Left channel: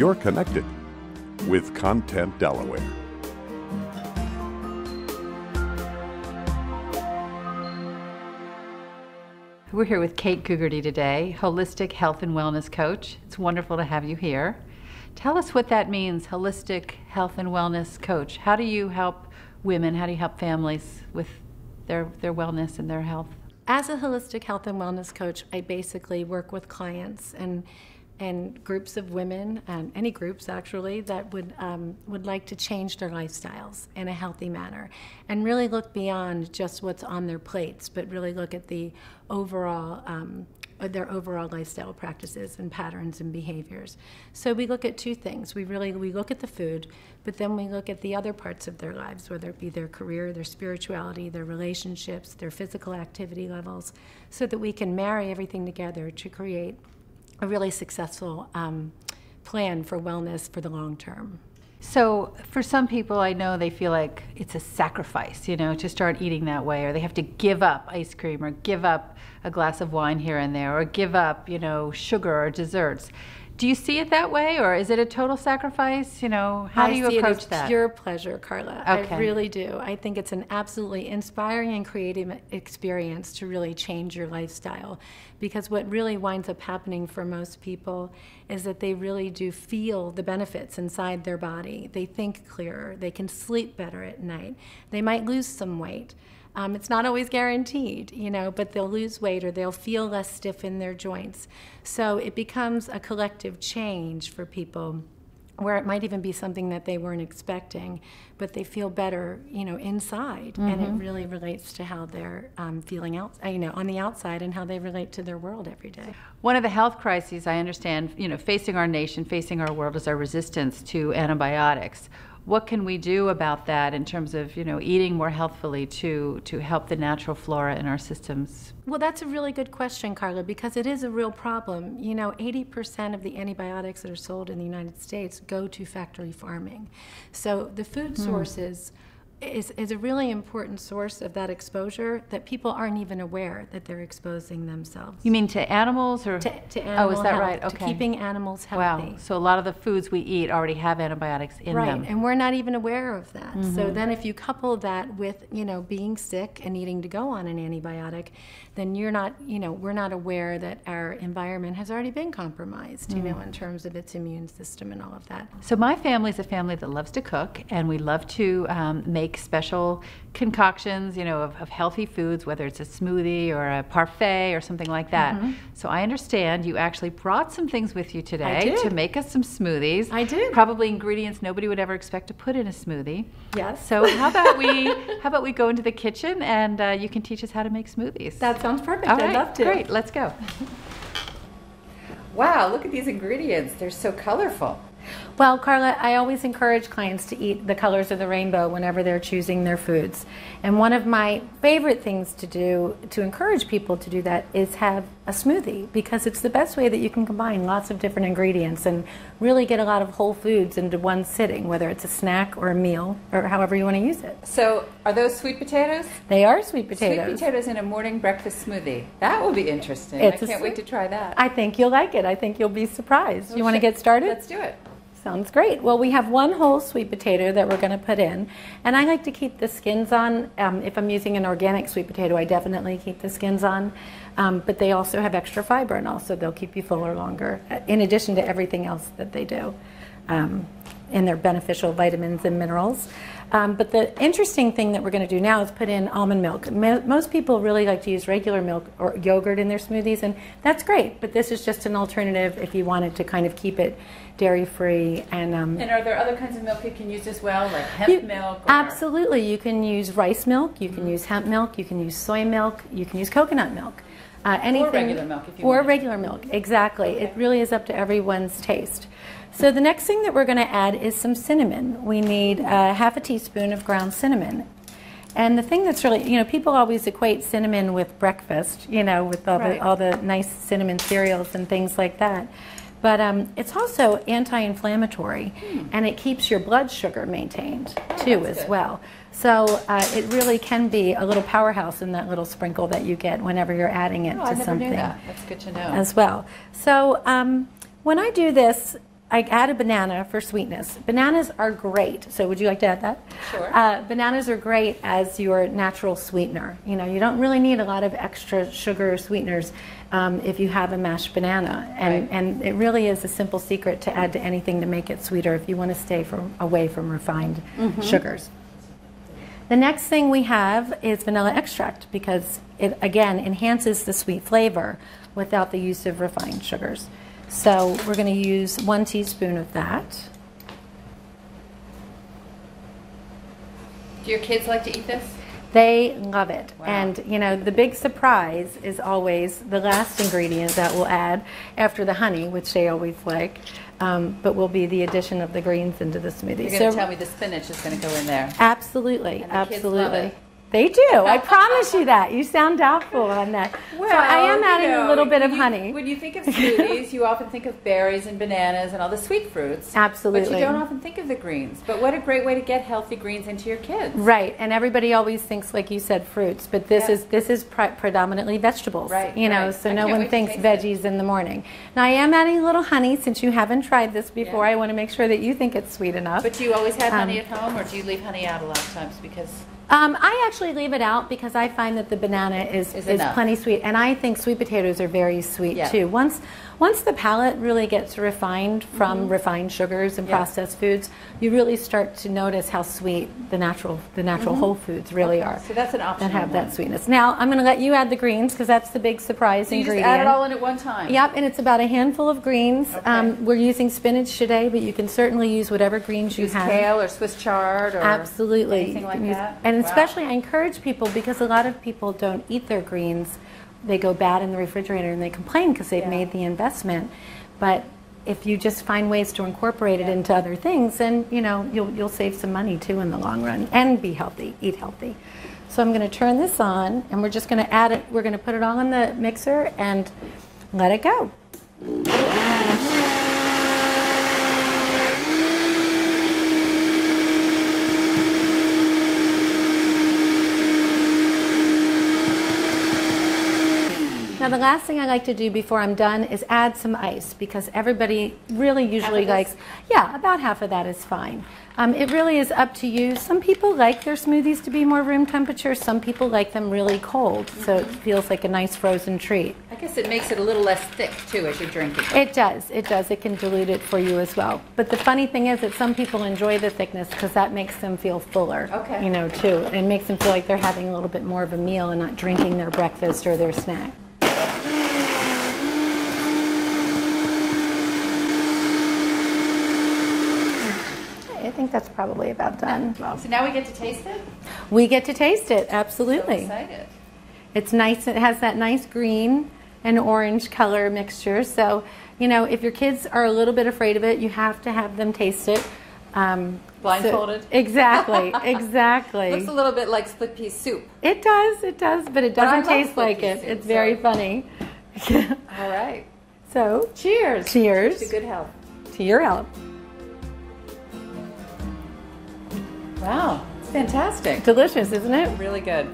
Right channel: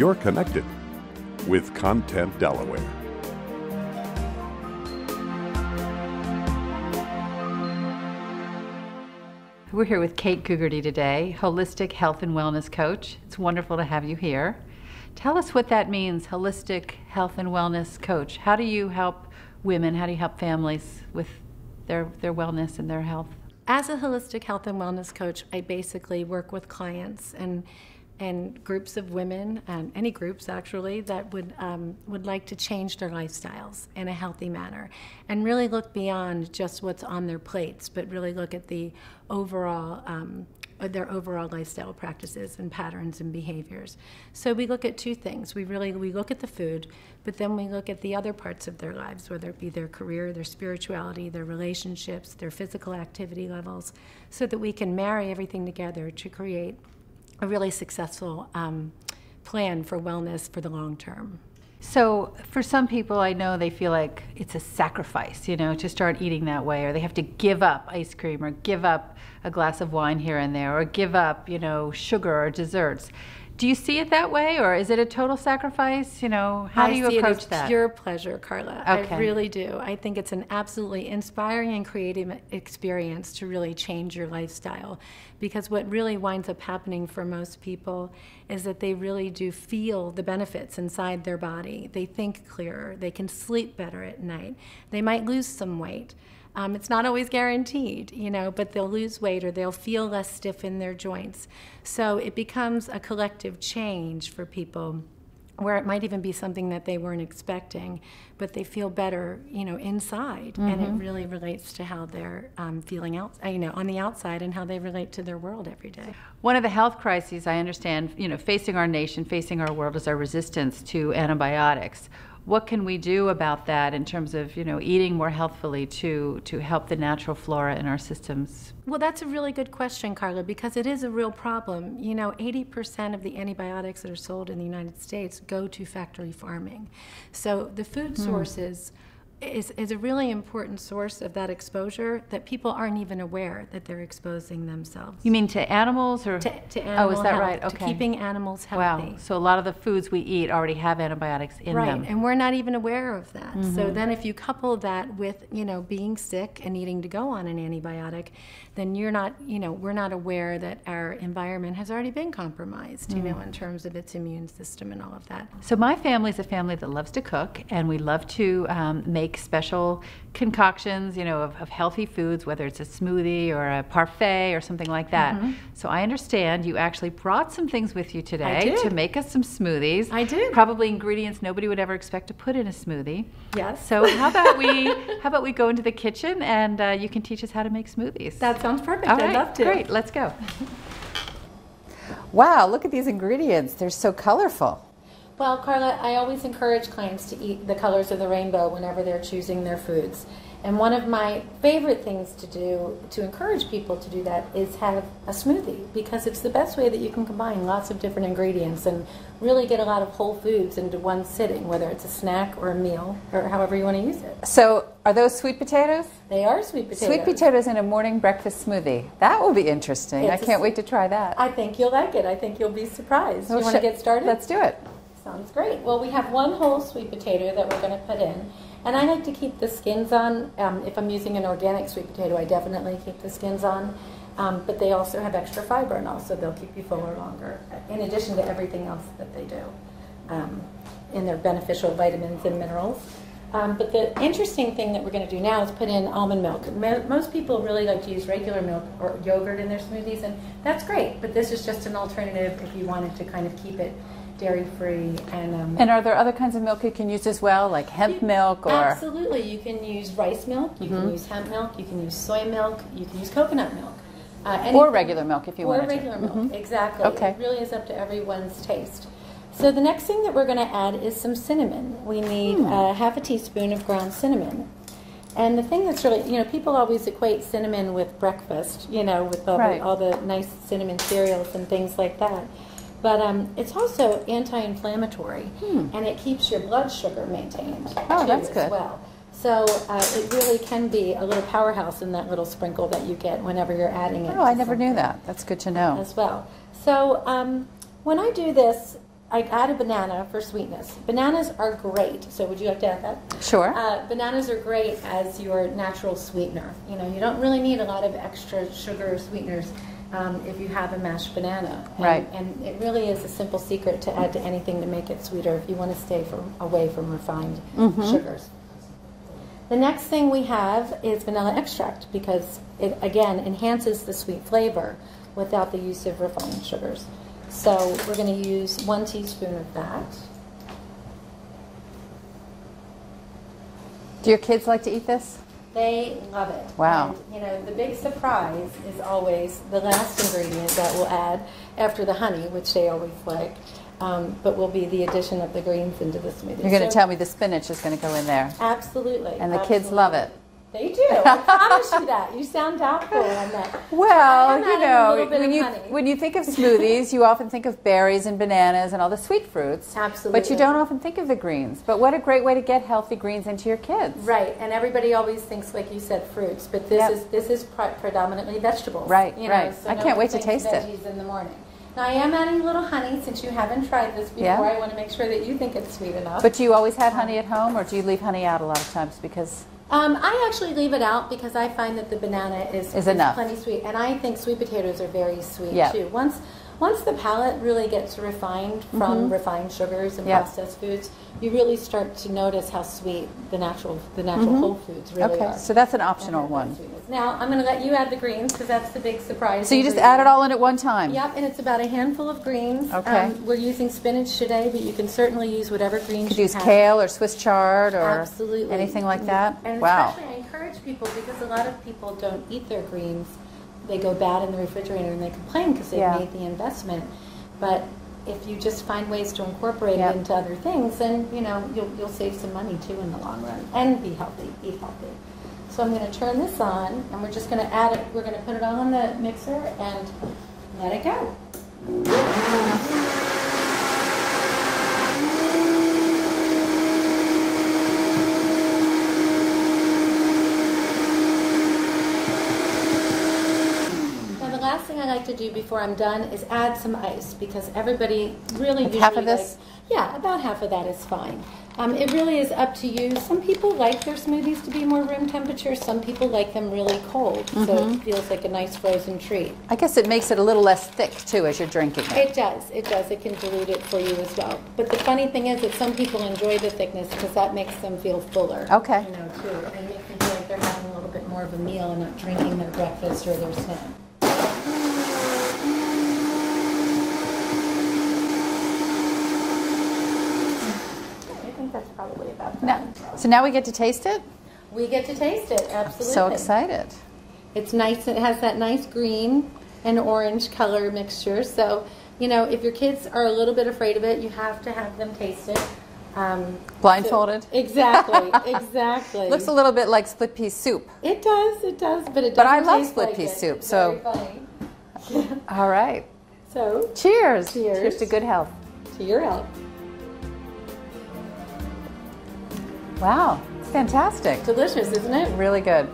you're connected with Content Delaware. We're here with Kate Gugerty today, holistic health and wellness coach. It's wonderful to have you here. Tell us what that means, holistic health and wellness coach. How do you help women, how do you help families with their wellness and their health? As a holistic health and wellness coach, I basically work with clients and groups of women, any groups actually, that would like to change their lifestyles in a healthy manner and really look beyond just what's on their plates, but really look at the overall their overall lifestyle practices and patterns and behaviors. So we look at two things. We look at the food, but then we look at the other parts of their lives, whether it be their career, their spirituality, their relationships, their physical activity levels, so that we can marry everything together to create a really successful plan for wellness for the long term. So for some people, I know they feel like it's a sacrifice, to start eating that way, or they have to give up ice cream or give up a glass of wine here and there, or give up, sugar or desserts. Do you see it that way, or is it a total sacrifice? How do you approach that? It's pure pleasure, Carla. Okay. I really do. I think it's an absolutely inspiring and creative experience to really change your lifestyle, because what really winds up happening for most people is that they really do feel the benefits inside their body. They think clearer. They can sleep better at night. They might lose some weight. It's not always guaranteed, but they'll lose weight or they'll feel less stiff in their joints. So it becomes a collective change for people, where it might even be something that they weren't expecting, but they feel better, inside. Mm-hmm. And it really relates to how they're feeling out, on the outside, and how they relate to their world every day. One of the health crises I understand, facing our nation, facing our world, is our resistance to antibiotics. What can we do about that in terms of, eating more healthfully to help the natural flora in our systems? Well, that's a really good question, Carla, because it is a real problem. 80% of the antibiotics that are sold in the United States go to factory farming. So the food sources is a really important source of that exposure that people aren't even aware that they're exposing themselves. You mean to animals or to animal Oh, is that health, right? Okay. To keeping animals healthy. Wow. So a lot of the foods we eat already have antibiotics in them. Right, and we're not even aware of that. Mm-hmm. So then if you couple that with, being sick and needing to go on an antibiotic, then we're not aware that our environment has already been compromised, in terms of its immune system and all of that. So my family's a family that loves to cook, and we love to make special concoctions, of healthy foods, whether it's a smoothie or a parfait or something like that. Mm-hmm. So I understand you actually brought some things with you today to make us some smoothies. I did. Probably ingredients nobody would ever expect to put in a smoothie. Yes. So how about we go into the kitchen and you can teach us how to make smoothies. That sounds perfect. All right, I'd love to. Great, let's go. Wow, look at these ingredients. They're so colorful. Well, Carla, I always encourage clients to eat the colors of the rainbow whenever they're choosing their foods. And one of my favorite things to do to encourage people to do that is have a smoothie, because it's the best way that you can combine lots of different ingredients and really get a lot of whole foods into one sitting, whether it's a snack or a meal or however you want to use it. So are those sweet potatoes? They are sweet potatoes. Sweet potatoes in a morning breakfast smoothie. That will be interesting. I can't wait to try that. I think you'll like it. I think you'll be surprised. You want to get started? Let's do it. Sounds great. Well, we have one whole sweet potato that we're going to put in, and I like to keep the skins on. If I'm using an organic sweet potato, I definitely keep the skins on, but they also have extra fiber, and also they'll keep you fuller longer, in addition to everything else that they do in their beneficial vitamins and minerals. But the interesting thing that we're going to do now is put in almond milk. Most people really like to use regular milk or yogurt in their smoothies, and that's great, but this is just an alternative if you wanted to kind of keep it dairy-free. And are there other kinds of milk you can use as well, like hemp milk? Or? Absolutely. You can use rice milk, you can use hemp milk, you can use soy milk, you can use coconut milk. Or regular milk if you want. Or regular milk, exactly. Okay. It really is up to everyone's taste. So the next thing that we're going to add is some cinnamon. We need half a teaspoon of ground cinnamon. And the thing that's really, people always equate cinnamon with breakfast, with all the nice cinnamon cereals and things like that. But it's also anti-inflammatory, and it keeps your blood sugar maintained too as well. So it really can be a little powerhouse in that little sprinkle that you get whenever you're adding it to something. I never knew that. That's good to know. As well. So when I do this, I add a banana for sweetness. Bananas are great. So would you like to add that? Sure. Bananas are great as your natural sweetener. You know, you don't really need a lot of extra sugar or sweeteners if you have a mashed banana. And it really is a simple secret to add to anything to make it sweeter if you want to stay away from refined sugars. The next thing we have is vanilla extract because it, again, enhances the sweet flavor without the use of refined sugars. So we're going to use 1 teaspoon of that. Do your kids like to eat this? They love it. Wow. And, you know, the big surprise is always the last ingredient that we'll add after the honey, which they always like, but will be the addition of the greens into the smoothie. You're going to tell me the spinach is going to go in there. Absolutely. And the kids love it. They do. I promise you that. You sound doubtful on that. Well, so I am adding a little bit of honey. When you think of smoothies, you often think of berries and bananas and all the sweet fruits. Absolutely. But you don't often think of the greens. But what a great way to get healthy greens into your kids. Right. And everybody always thinks, like you said, fruits. But this is predominantly vegetables. Right. You know, so no one thinks veggies in the morning. Now I am adding a little honey since you haven't tried this before. I want to make sure that you think it's sweet enough. But do you always have honey at home, or do you leave honey out a lot of times because? I actually leave it out because I find that the banana is plenty sweet, and I think sweet potatoes are very sweet too. Once the palate really gets refined from refined sugars and processed foods, you really start to notice how sweet the natural whole foods really are. So that's an optional and have that sweetness. Now I'm going to let you add the greens because that's the big surprise. So you just add it all in at one time. Yep, and it's about a handful of greens. Okay. We're using spinach today, but you can certainly use whatever greens you have. Kale or Swiss chard or anything like that. And especially I encourage people because a lot of people don't eat their greens. They go bad in the refrigerator and they complain because they've made the investment. But if you just find ways to incorporate it into other things, then you know you'll save some money too in the long run and be healthy, eat healthy. So I'm going to turn this on and we're just going to add it. We're going to put it all in the mixer and let it go. Now the last thing I like to do before I'm done is add some ice because everybody really usually likes, about half of that is fine. It really is up to you. Some people like their smoothies to be more room temperature. Some people like them really cold, so it feels like a nice frozen treat. I guess it makes it a little less thick too as you're drinking it. It does. It does. It can dilute it for you as well. But the funny thing is that some people enjoy the thickness because that makes them feel fuller. Okay. You know, too. It makes them feel like they're having a little bit more of a meal and not drinking their breakfast or their snack. I think that's probably about done. So now we get to taste it? We get to taste it, absolutely. So excited. It's nice. It has that nice green and orange color mixture. So, you know, if your kids are a little bit afraid of it, you have to have them taste it. Blindfolded? Exactly, exactly. Looks a little bit like split pea soup. It does, but it doesn't taste like it. Soup, it's very funny. All right. So, cheers. Cheers. Cheers to good health. To your health. Wow, it's fantastic. Delicious, isn't it? Really good.